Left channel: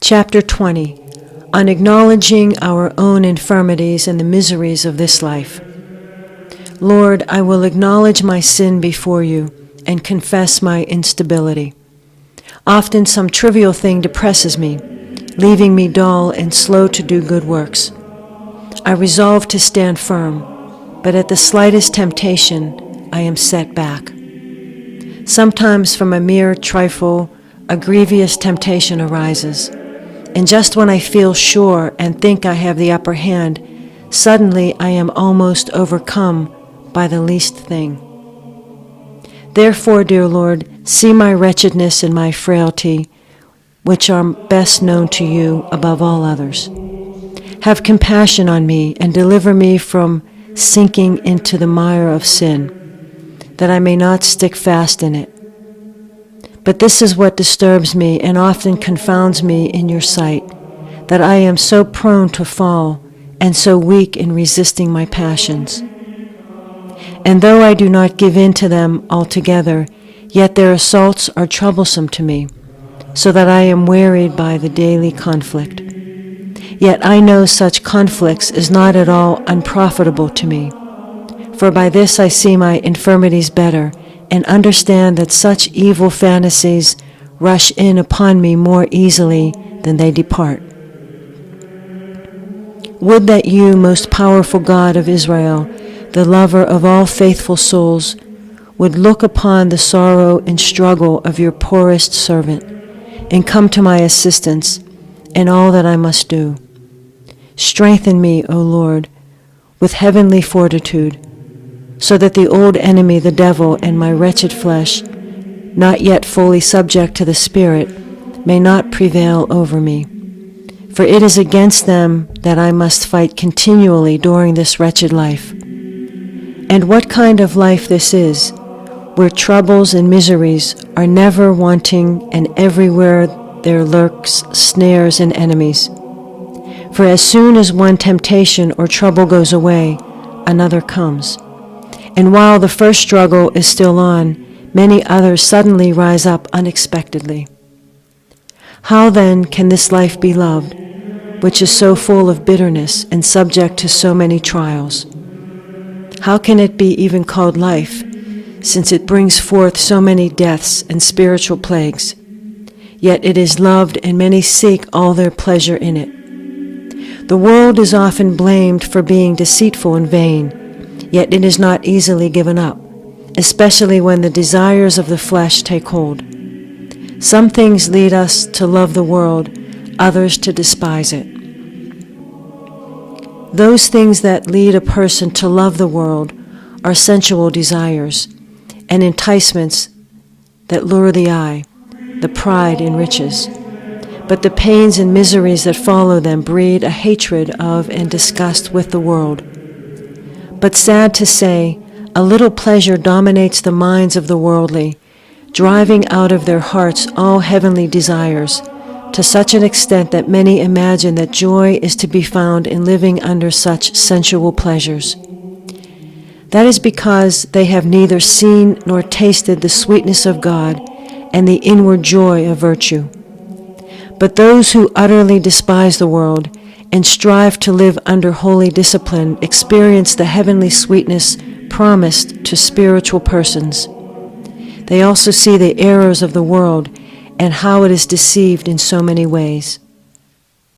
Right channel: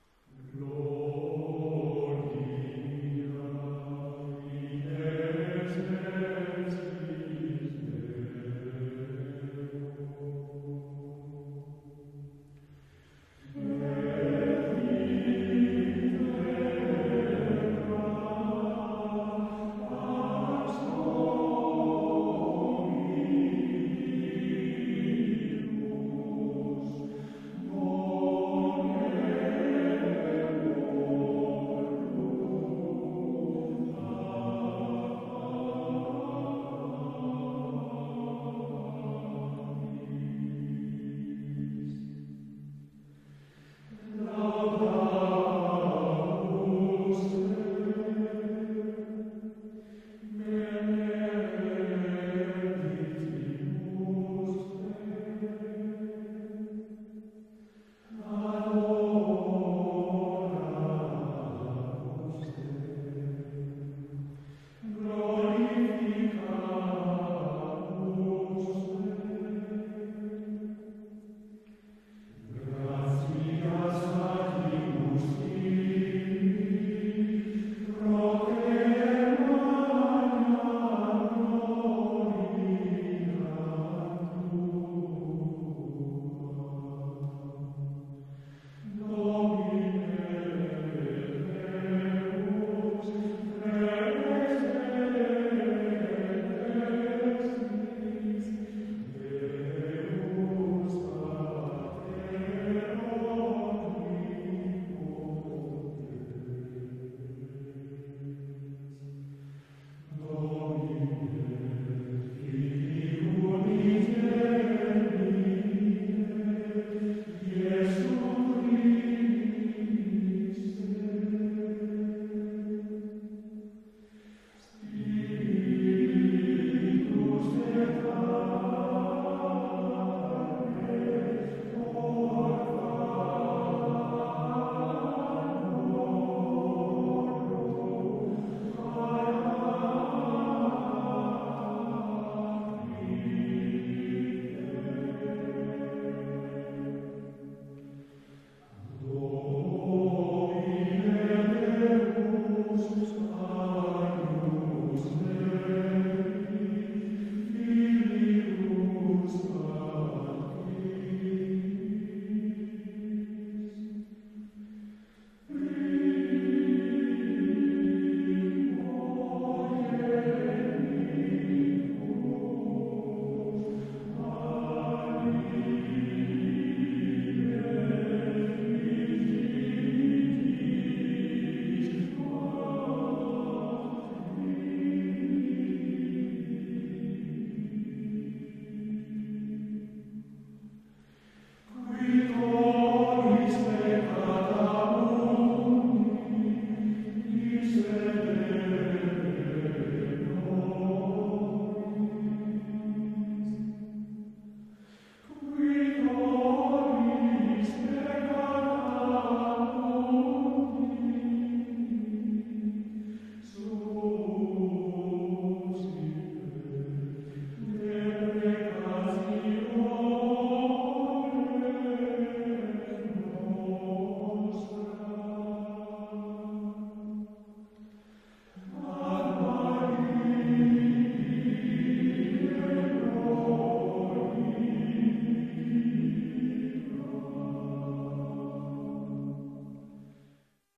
Chapter 20, on acknowledging our own infirmities and the miseries of this life. Lord, I will acknowledge my sin before you and confess my instability. Often some trivial thing depresses me, leaving me dull and slow to do good works. I resolve to stand firm, but at the slightest temptation, I am set back. Sometimes from a mere trifle, a grievous temptation arises. And just when I feel sure and think I have the upper hand, suddenly I am almost overcome by the least thing. Therefore, dear Lord, see my wretchedness and my frailty, which are best known to you above all others. Have compassion on me and deliver me from sinking into the mire of sin, that I may not stick fast in it. But this is what disturbs me and often confounds me in your sight, that I am so prone to fall and so weak in resisting my passions. And though I do not give in to them altogether, yet their assaults are troublesome to me, so that I am wearied by the daily conflict. Yet I know such conflicts is not at all unprofitable to me, for by this I see my infirmities better, and understand that such evil fantasies rush in upon me more easily than they depart. Would that you, most powerful God of Israel, the lover of all faithful souls, would look upon the sorrow and struggle of your poorest servant, and come to my assistance in all that I must do. Strengthen me, O Lord, with heavenly fortitude, so that the old enemy, the devil, and my wretched flesh, not yet fully subject to the Spirit, may not prevail over me. For it is against them that I must fight continually during this wretched life. And what kind of life this is, where troubles and miseries are never wanting, and everywhere there lurks snares and enemies. For as soon as one temptation or trouble goes away, another comes. And while the first struggle is still on, many others suddenly rise up unexpectedly. How then can this life be loved, which is so full of bitterness and subject to so many trials? How can it be even called life, since it brings forth so many deaths and spiritual plagues? Yet it is loved, and many seek all their pleasure in it. The world is often blamed for being deceitful and vain, yet it is not easily given up, especially when the desires of the flesh take hold. Some things lead us to love the world, others to despise it. Those things that lead a person to love the world are sensual desires and enticements that lure the eye, the pride in riches. But the pains and miseries that follow them breed a hatred of and disgust with the world. But sad to say, a little pleasure dominates the minds of the worldly, driving out of their hearts all heavenly desires, to such an extent that many imagine that joy is to be found in living under such sensual pleasures. That is because they have neither seen nor tasted the sweetness of God and the inward joy of virtue. But those who utterly despise the world and strive to live under holy discipline experience the heavenly sweetness promised to spiritual persons. They also see the errors of the world and how it is deceived in so many ways.